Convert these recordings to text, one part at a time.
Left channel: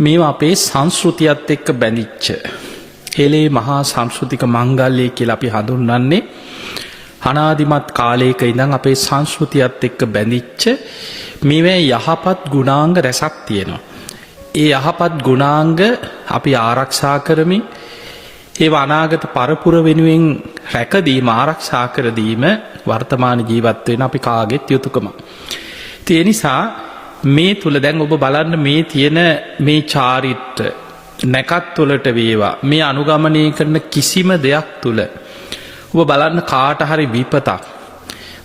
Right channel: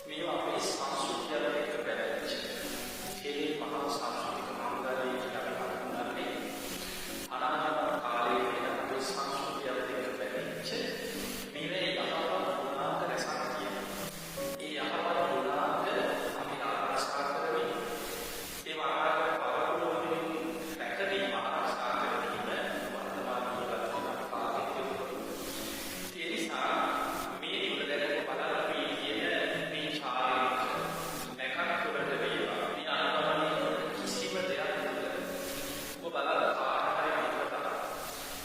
මේවා අපේ සංස්කෘතියත් එක්ක බැඳිච්ච හෙළේ මහා සංස්කෘතික මංගල්‍යය කියලා අපි හඳුන්වන්නේ අනාදිමත් කාලයක ඉඳන් අපේ සංස්කෘතියත් එක්ක බැඳිච්ච මේවා යහපත් ගුණාංග රැසක් තියෙනවා. ඒ යහපත් ගුණාංග අපි ආරක්ෂා කරමින් ඒ අනාගත පරපුර වෙනුවෙන් රැකදීම ආරක්ෂා කර දීම වර්තමාන ජීවත් වෙන අපි කාගෙත් යුතුයකමක්. ඒ නිසා මේ තුල දැන් ඔබ බලන්න මේ තියෙන මේ චාරිත්‍ර නැකත් වලට වේවා මේ අනුගමනය කරන කිසිම දෙයක් තුල ඔබ බලන්න කාට හරි විපතක්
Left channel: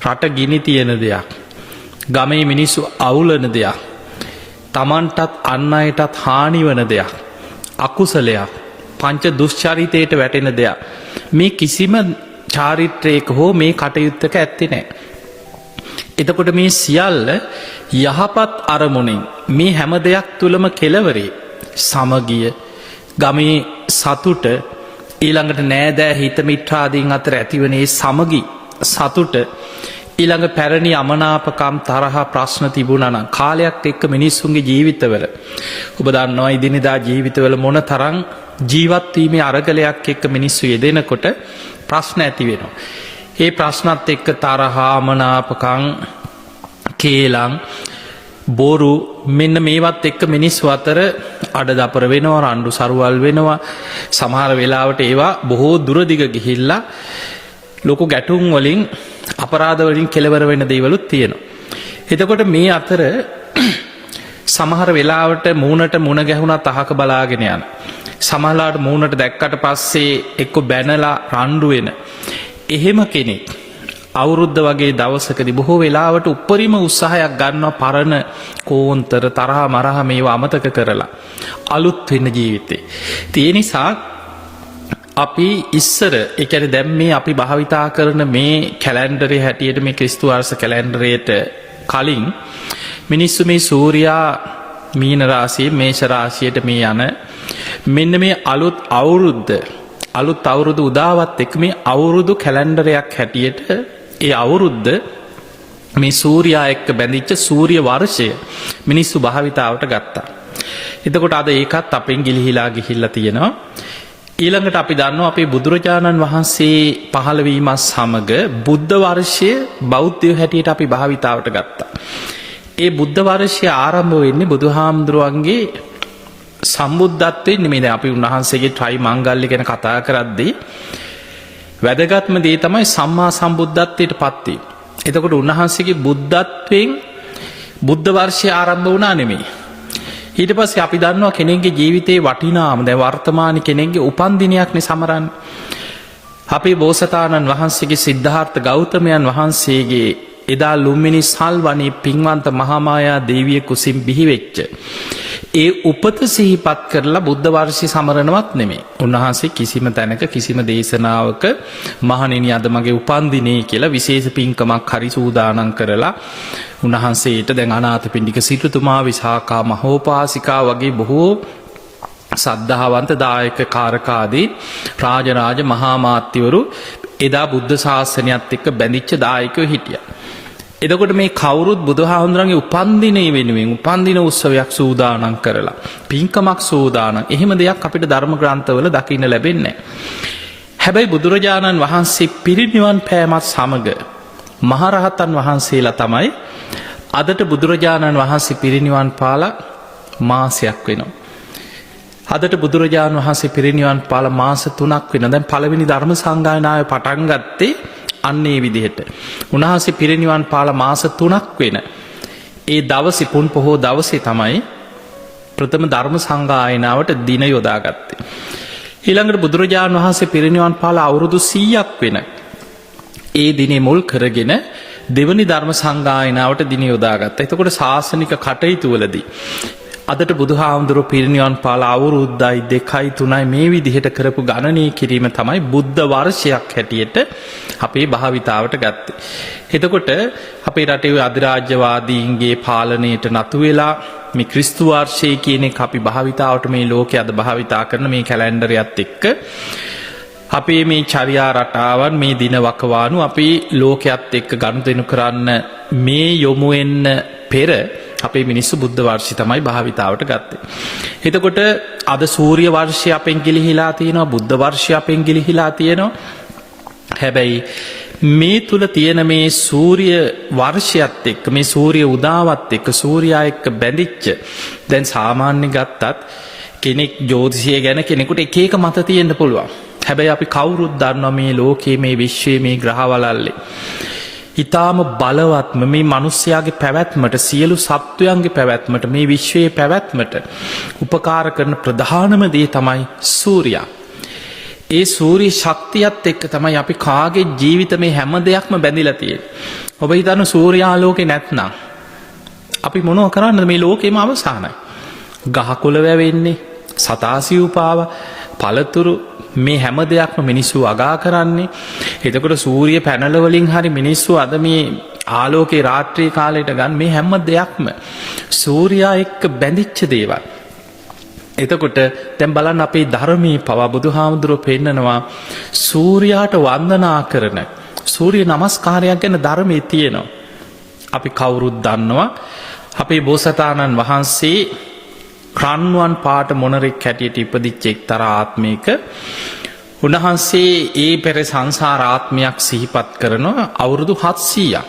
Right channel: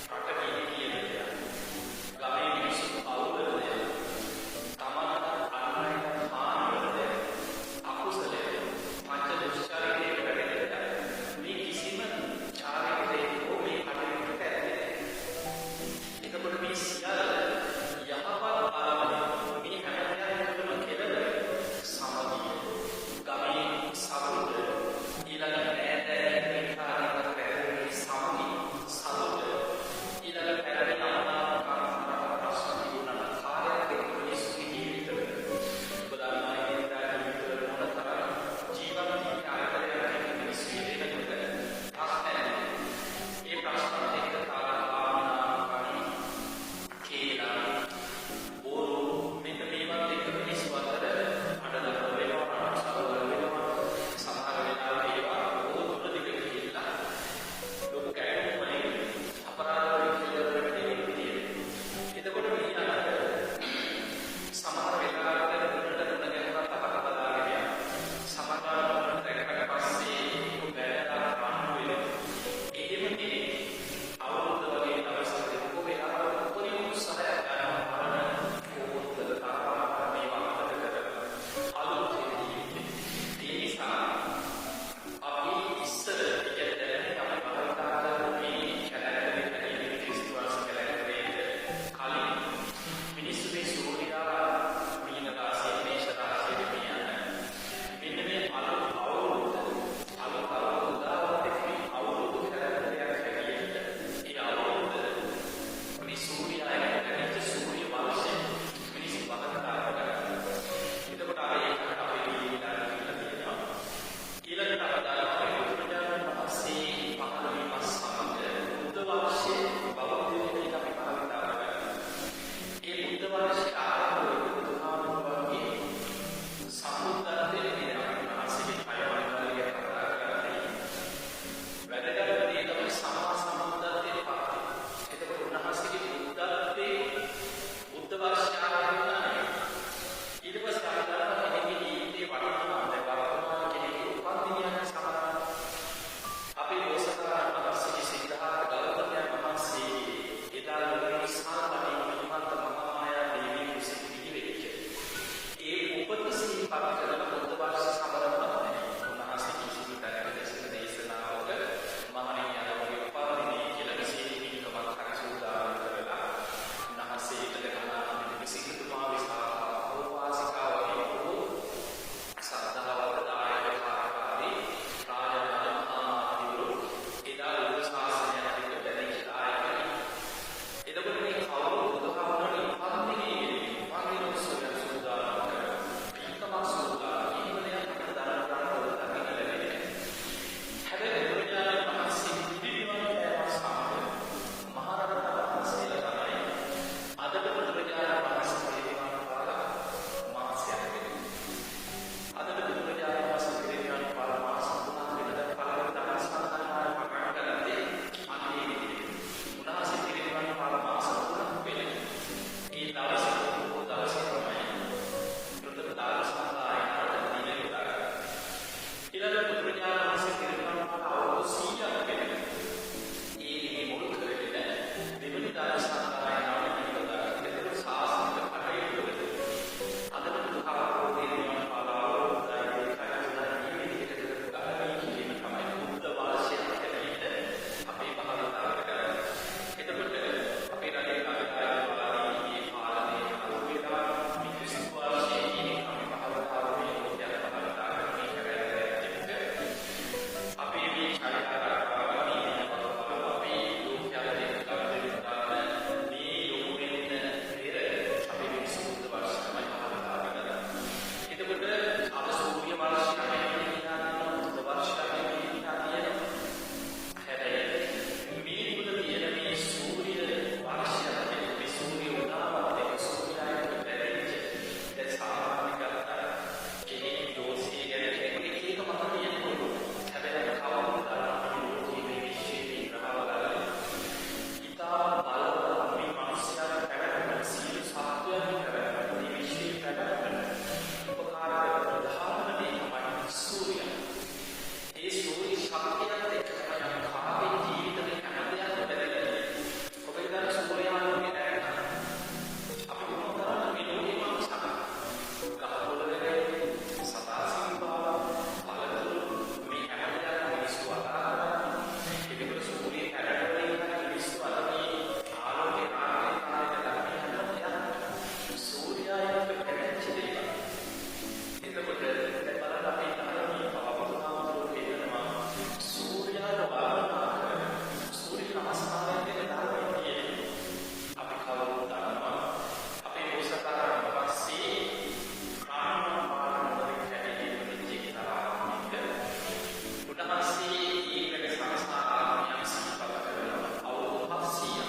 රට ගිනි තියෙන දෙයක් ගමේ මිනිස්සු අවුලන දෙයක් තමන්ටත් අන් අයටත් හානි වන දෙයක් අකුසලයක් පංච දුෂ්චරිතයට වැටෙන දෙයක් මේ කිසිම චාරිත්‍රයක හෝ මේ කටයුත්තක ඇත්තේ නැහැ. එතකොට මේ සියල්ල යහපත් අරමුණින් මේ හැම දෙයක් තුලම කෙලවරේ සමගිය ගමේ සතුට ඊළඟට නෑදෑ හිත මිත්‍රාදීන් අතර ඇතිවනේ සමගි සතුට ඊළඟ පැරණි අමනාපකම් තරහ ප්‍රශ්න තිබුණා නම් කාලයක් එක්ක මිනිස්සුන්ගේ ජීවිතවල ඔබ දන්නවා ඉදිනදා ජීවිතවල මොන තරම් ජීවත් වීමේ අරගලයක් එක්ක මිනිස්සු යෙදෙනකොට ප්‍රශ්න ඇති වෙනවා. ඒ ප්‍රශ්නත් එක්ක තරහ අමනාපකම් කේලම් බොරු මෙන්න මේවත් එක්ක මිනිස්සු අතර අඩදපර වෙනවා රණ්ඩු සරුවල් වෙනවා සමහර වෙලාවට ඒවා බොහෝ දුරදිග ගිහිල්ලා ලොකු ගැටුම් වලින් අපරාධ වලින් කෙලවර වෙන දේවලුත් තියෙනවා. එතකොට මේ අතර සමහර වෙලාවට මූණට මුණ ගැහුණත් අහක බලාගෙන යන සමහරලාට මූණට දැක්කට පස්සේ එක්ක බැනලා රණ්ඩු වෙන එහෙම කෙනෙක් අවුරුද්ද වගේ දවසකදී බොහෝ වෙලාවට උපරිම උත්සාහයක් ගන්නවා පරණ කෝන්තර තරහ මරහ මේවා අමතක කරලා අලුත් වෙන්න ජීවිතේ. ඒ නිසා අපි ඉස්සර ඒ කියන්නේ දැන් මේ අපි භාවිතා කරන මේ කැලෙන්ඩරේ හැටියට මේ ක්‍රිස්තු වර්ෂ කැලෙන්ඩරයට කලින් මිනිස්සු මේ සූර්යා මීන රාශිය මේෂ රාශියට මේ යන මෙන්න මේ අලුත් අවුරුදු උදාවත් එක්ක මේ අවුරුදු කැලෙන්ඩරයක් හැටියට ඒ අවුරුද්ද මේ සූර්යා එක්ක බැඳිච්ච සූර්ය වර්ෂය මිනිස්සු භාවිතාවට ගත්තා. එතකොට අද ඒකත් අපෙන් ගිලිහිලා ගිහිල්ලා තියෙනවා. ඊළඟට අපි දන්නවා අපේ බුදුරජාණන් වහන්සේ පහළ වීමත් සමග බුද්ධ වර්ෂය බෞද්ධයෝ හැටියට අපි භාවිතාවට ගත්තා. ඒ බුද්ධ වර්ෂය ආරම්භ වෙන්නේ බුදුහාමුදුරුවන්ගේ සම්බුද්ධත්වයෙන් නෙමෙයි. දැන් අපි උන්වහන්සේගේ ත්‍රි මංගල්‍ය ගැන කතා කරද්දී වැදගත්ම දේ තමයි සම්මා සම්බුද්ධත්වයට පත් වීම. එතකොට උන්වහන්සේගේ බුද්ධත්වයෙන් බුද්ධ වර්ෂය ආරම්භ වුණා නෙමෙයි. ඊට පස්සේ අපි දන්නවා කෙනෙක්ගේ ජීවිතේ වටිනාම දැන් වර්තමාන කෙනෙක්ගේ උපන්දිනයක්නේ සමරන්නේ. අපේ බෝසතාණන් වහන්සේගේ සිද්ධාර්ථ ගෞතමයන් වහන්සේගේ එදා ලුම්බිනි සල්වනේ පින්වන්ත මහාමායා දේවිය කුසින් බිහිවෙච්ච ඒ උපත සිහිපත් කරලා බුද්ධ වර්ෂය සමරනවත් නෙමෙයි. උන්වහන්සේ කිසිම තැනක කිසිම දේශනාවක මහණෙනි අද මගේ උපන්දිනේ කියලා විශේෂ පින්කමක් හරි සූදානම් කරලා උන්වහන්සේට දැන් අනාථපිණ්ඩික සිටුතුමා විසාකා මහෝපාසිකා වගේ බොහෝ සද්ධාවන්ත දායක කාරකාදී රාජරාජ මහා මාත්‍යවරු එදා බුද්ධ ශාසනයත් එක්ක බැඳිච්ච දායකයෝ හිටියා. එතකොට මේ කවුරුත් බුදුහාමුදුරන්ගේ උපන්දිනේ වෙනුවෙන් උපන්දින උත්සවයක් සූදානම් කරලා පින්කමක් සූදානම් එහෙම දෙයක් අපිට ධර්ම ග්‍රන්ථවල දකින්න ලැබෙන්නේ නැහැ. හැබැයි බුදුරජාණන් වහන්සේ පිරිනිවන් පෑමත් සමග මහරහතන් වහන්සේලා තමයි අදට බුදුරජාණන් වහන්සේ පිරිනිවන් පාලා මාසයක් වෙනවා. අදට බුදුරජාණන් වහන්සේ පිරිනිවන් පාලා මාස 3ක් වෙනවා. දැන් පළවෙනි ධර්ම සංගායනාවේ පටන් ගත්තේ අන්නේ විදිහට. උන්වහන්සේ පිරිනිවන් පාලා මාස 3ක් වෙන ඒ දවසේ පුන් පොහෝ දවසේ තමයි ප්‍රථම ධර්ම සංගායනාවට දින යොදාගත්තේ. ඊළඟට බුදුරජාණන් වහන්සේ පිරිනිවන් පාලා අවුරුදු 100ක් වෙන ඒ දිනේ මුල් කරගෙන දෙවනි ධර්ම සංගායනාවට දින යොදාගත්තා. එතකොට ශාසනික කටයුතු වලදී අදට බුදුහාමුදුරුවෝ පිරිනිවන් පාලා අවුරුද්දයි 2යි 3යි මේ විදිහට කරපු ගණනය කිරීම තමයි බුද්ධ වර්ෂයක් හැටියට අපේ භාවිතාවට ගත්තේ. එතකොට අපේ රටේ අධිරාජ්‍යවාදීන්ගේ පාලනයට නතු වෙලා මේ ක්‍රිස්තු වර්ෂය කියන එක අපි භාවිතාවට මේ ලෝකයේ අද භාවිතා කරන මේ කැලෙන්ඩරයත් එක්ක අපේ මේ චර්යා රටාවන් මේ දින වකවානු අපේ ලෝකයේත් එක්ක ගනුදෙනු කරන්න මේ යොමු වෙන්න පෙර අපේ මිනිස්සු බුද්ධ වර්ෂය තමයි භාවිතාවට ගත්තේ. එතකොට අද සූර්ය වර්ෂය අපෙන් ගිලිහිලා තියෙනවා, බුද්ධ වර්ෂය අපෙන් ගිලිහිලා තියෙනවා. හැබැයි මේ තුල තියෙන මේ සූර්ය වර්ෂයත් එක්ක, මේ සූර්ය උදාවත් එක්ක, සූර්යා එක්ක බැඳිච්ච, දැන් සාමාන්‍ය ගත්තත් කෙනෙක් ජ්‍යොතිෂය ගැන කෙනෙකුට එක එක මත තියෙන්න පුළුවන්. හැබැයි අපි කවුරුත් දන්නවා මේ ලෝකයේ, මේ විශ්වයේ, මේ ග්‍රහවලල්ලේ ඊටාම බලවත්ම මේ මිනිස්යාගේ පැවැත්මට, සියලු සත්වයන්ගේ පැවැත්මට, මේ විශ්වයේ පැවැත්මට උපකාර කරන ප්‍රධානම දේ තමයි සූර්යයා. ඒ සූර්ය ශක්තියත් එක්ක තමයි අපි කාගේ ජීවිත මේ හැම දෙයක්ම බැඳිලා තියෙන්නේ. ඔබ හිතන්න සූර්යාලෝකේ නැත්නම් අපි මොනව කරන්නද? මේ ලෝකෙම අවසానයි. ගහකොළ වැවෙන්නේ, සතා සිව්පාව, පළතුරු, මේ හැම දෙයක්ම මිනිස්සු අගා කරන්නේ. එතකොට සූර්ය පැනල වලින් හරි මිනිස්සු අද මේ ආලෝකේ රාත්‍රී කාලයට ගන්න මේ හැම දෙයක්ම සූර්යා එක්ක බැඳිච්ච දේවල්. එතකොට දැන් බලන්න අපේ ධර්මයේ පවා බුදුහාමුදුරුවෝ පෙන්නනවා සූර්යාට වන්දනා කරන සූර්ය නමස්කාරයක් ගැන ධර්මයේ තියෙනවා. අපි කවුරුත් දන්නවා අපේ බෝසතාණන් වහන්සේ ක්‍රන්වන් පාට මොනරෙක් හැටියට ඉපදිච්ච එක්තරා ආත්මයක උන්වහන්සේ ඒ පෙර සංසාර ආත්මයක් සිහිපත් කරනවා අවුරුදු 700ක්.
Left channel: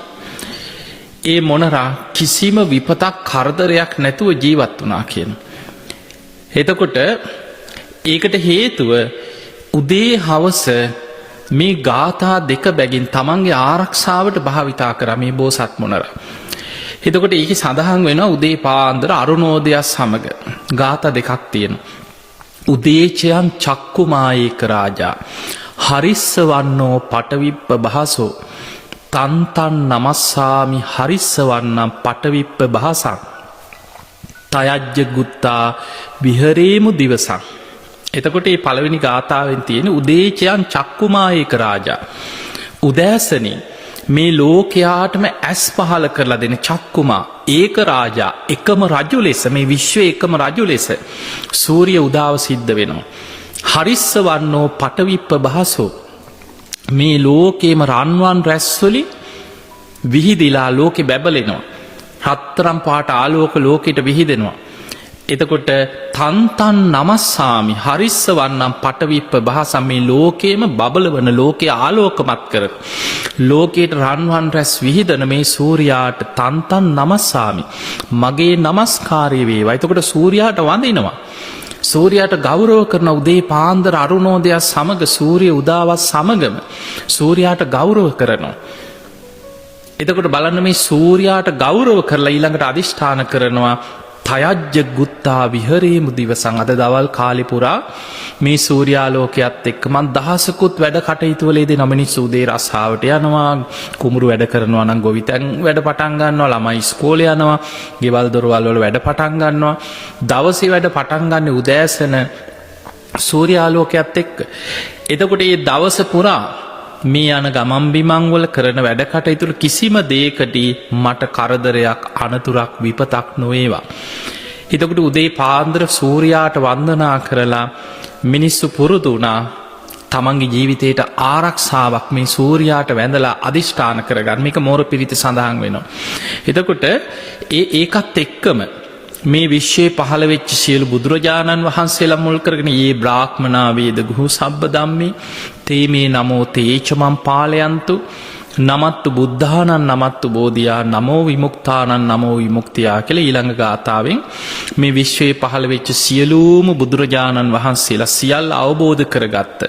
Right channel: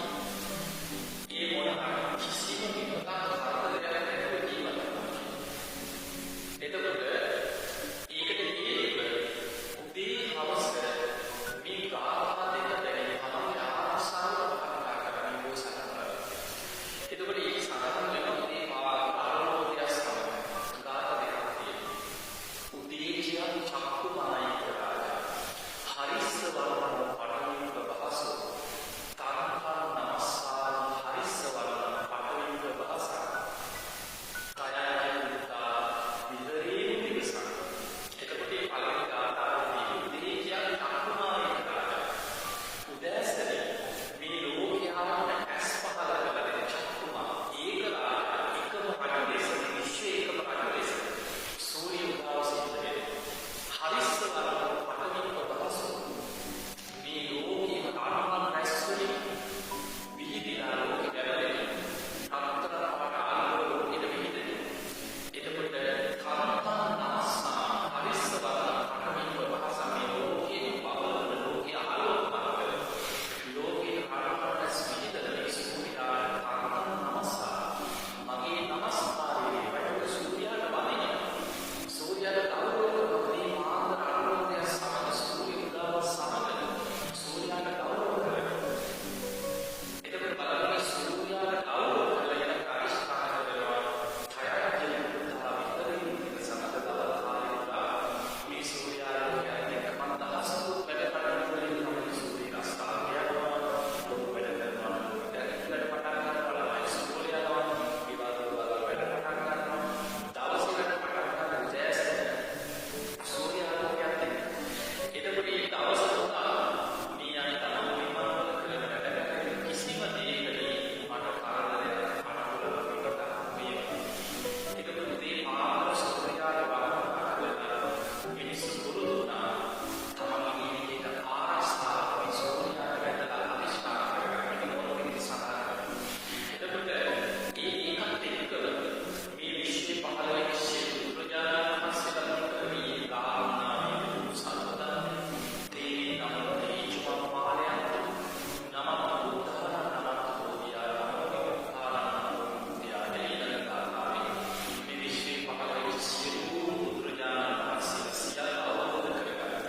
ඒ මොනරා කිසිම විපතක් කරදරයක් නැතුව ජීවත් වුණා කියන. එතකොට ඒකට හේතුව උදේ හවස මේ ගාථා දෙක බැගින් තමන්ගේ ආරක්ෂාවට භාවිතා කරා මේ බෝසත් මොනරා. එතකොට ඒක සඳහන් වෙනවා උදේ පාන්දර අරුණෝදයත් සමග ගාථා දෙකක් තියෙනවා. උදේචයන් චක්කුමායේක රාජා හරිස්ස වන්නෝ පටවිප්ප භාසෝ තන්තන් නමස්සාමි හරිස්ස වන්නම් පටවිප්ප භාසං තයජ්ජ ගුත්තා විහරේමු දිවසං. එතකොට මේ පළවෙනි ගාථාවෙන් තියෙන උදේචයන් චක්කුමායේක රාජා, උදෑසනින් මේ ලෝකයාටම ඇස් පහල කරලා දෙන චක්කුමා ඒක රාජා, එකම රජු ලෙස, මේ විශ්වයේ එකම රජු ලෙස සූර්ය උදාව සිද්ධ වෙනවා. හරිස්ස වන්නෝ පටවිප්ප භාසෝ, මේ ලෝකේම රන්වන් රැස්වලින් විහිදිලා ලෝකෙ බැබලෙනවා. රත්තරම් පාට ආලෝක ලෝකෙට විහිදෙනවා. එතකොට තන්තන් නමස්සාමි හරිස්ස වන්නම් පටවිප්ප භාසම්, මේ ලෝකේම බබලවන, ලෝකයේ ආලෝකමත් කර, ලෝකයට රන්වන් රැස් විහිදන මේ සූර්යාට තන්තන් නමස්සාමි, මගේ නමස්කාරය වේවා. එතකොට සූර්යාට වඳිනවා, සූර්යාට ගෞරව කරන උදේ පාන්දර අරුණෝදයත් සමග, සූර්ය උදාවත් සමගම සූර්යාට ගෞරව කරනවා. එතකොට බලන්න මේ සූර්යාට ගෞරව කරලා ඊළඟට අධිෂ්ඨාන කරනවා තයජ්ජ ගුත්තා විහරේමු දිවසං. අද දවල් කාලේ පුරා මේ සූර්යාලෝකයත් එක්ක මං දහසකුත් වැඩ කටයුතු වල යෙදෙන මිනිස්සු උදේ රස්සාවට යනවා, කුඹුරු වැඩ කරනවා නම් ගොවිතැන් වැඩ පටන් ගන්නවා, ළමයි ඉස්කෝලේ යනවා, ගෙවල් දොරවල් වල වැඩ පටන් ගන්නවා. දවසේ වැඩ පටන් ගන්න උදෑසන සූර්යාලෝකයත් එක්ක. එතකොට මේ දවස පුරා මේ යන ගමන් බිමන් වල කරන වැඩ කටයුතු කිසිම දෙයකදී මට කරදරයක්, අනතුරක්, විපතක් නොවේවා. එතකොට උදේ පාන්දර සූර්යාට වන්දනා කරලා මිනිස්සු පුරුදු වුණා තමන්ගේ ජීවිතයට ආරක්ෂාවක් මේ සූර්යාට වැඳලා අධිෂ්ඨාන කරගන්න. මේක මෝර පිරිත සඳහන් වෙනවා. එතකොට ඒකත් එක්කම මේ විශ්වයේ පහළ වෙච්ච සියලු බුදුරජාණන් වහන්සේලා මුල් කරගෙන යේ බ්‍රාහ්මනා වේද ගුහු සබ්බ ධම්මේ තේමේ නමෝ තේචමං පාලයන්තු නමත්තු බුද්ධානං නමත්තු බෝධියා නමෝ විමුක්තානං නමෝ විමුක්තියා කියලා ඊළඟ ගාථාවෙන් මේ විශ්වයේ පහළ වෙච්ච සියලුම බුදුරජාණන් වහන්සේලා සියල්ල අවබෝධ කරගත්ත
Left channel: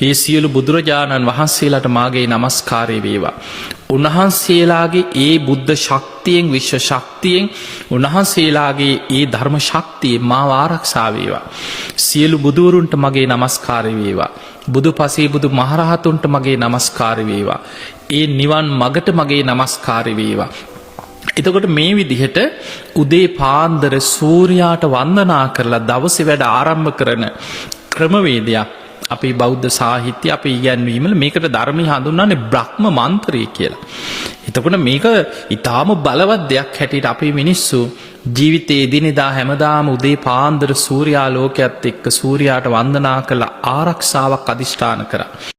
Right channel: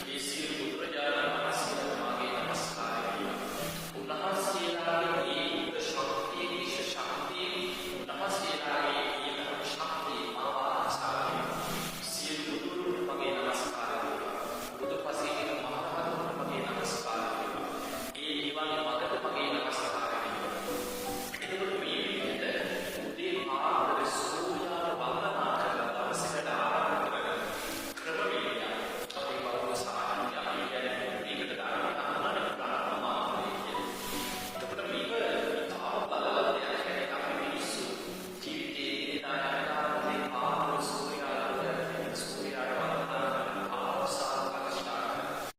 ඒ සියලු බුදුරජාණන් වහන්සේලාට මාගේ නමස්කාරය වේවා. උන්වහන්සේලාගේ ඒ බුද්ධ ශක්තියෙන්, විශ්ව ශක්තියෙන්, උන්වහන්සේලාගේ ඒ ධර්ම ශක්තියෙන් මාව ආරක්ෂා වේවා. සියලු බුදුවරුන්ට මගේ නමස්කාරය වේවා. බුදු පසේ බුදු මහරහතුන්ට මගේ නමස්කාරය වේවා. ඒ නිවන් මගට මගේ නමස්කාරය වේවා. එතකොට මේ විදිහට උදේ පාන්දර සූර්යාට වන්දනා කරලා දවසේ වැඩ ආරම්භ කරන ක්‍රමවේදයක් අපේ බෞද්ධ සාහිත්‍ය, අපේ ඉගැන්වීමල මේකට ධර්මය හඳුන්වන්නේ බ්‍රහ්ම මන්ත්‍රය කියලා. එතකොට මේක ඊටාම බලවත් දෙයක් හැටියට අපේ මිනිස්සු ජීවිතයේ එදිනෙදා හැමදාම උදේ පාන්දර සූර්යාලෝකයත් එක්ක සූර්යාට වන්දනා කළ ආරක්ෂාවක් අධිෂ්ඨාන කරා.